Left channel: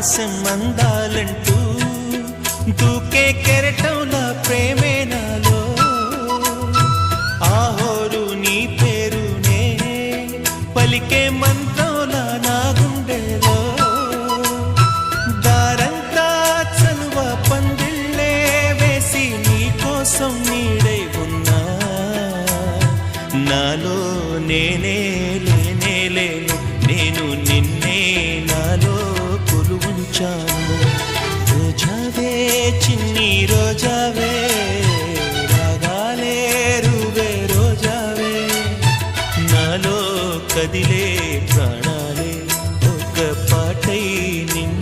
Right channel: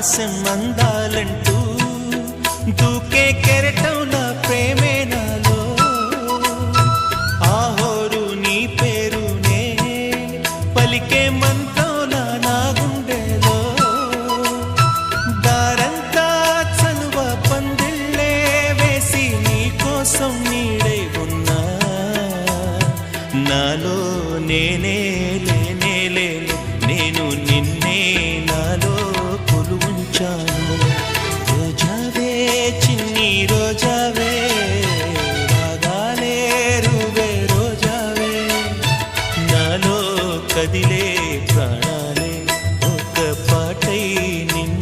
ఆకాశం అందాలంటూ దూకే కెరటం నా ప్రేమే నాలో ఆహోరు నీ పేరునే పలికే మంత్రంలా నా గుండెలో దారంతా చలువ పందిళ్ళే వేసి నీ కోసం నీడై ఉన్నా నాలో నేనే లేనే లేను నేను నిన్నే నాలో కొలువుంచాను రోజావే చిన్ని రోజావే రాగాలే రువే రోజావే నాలో కదిలే ప్రాణాలే ఒక పాటై నిన్ను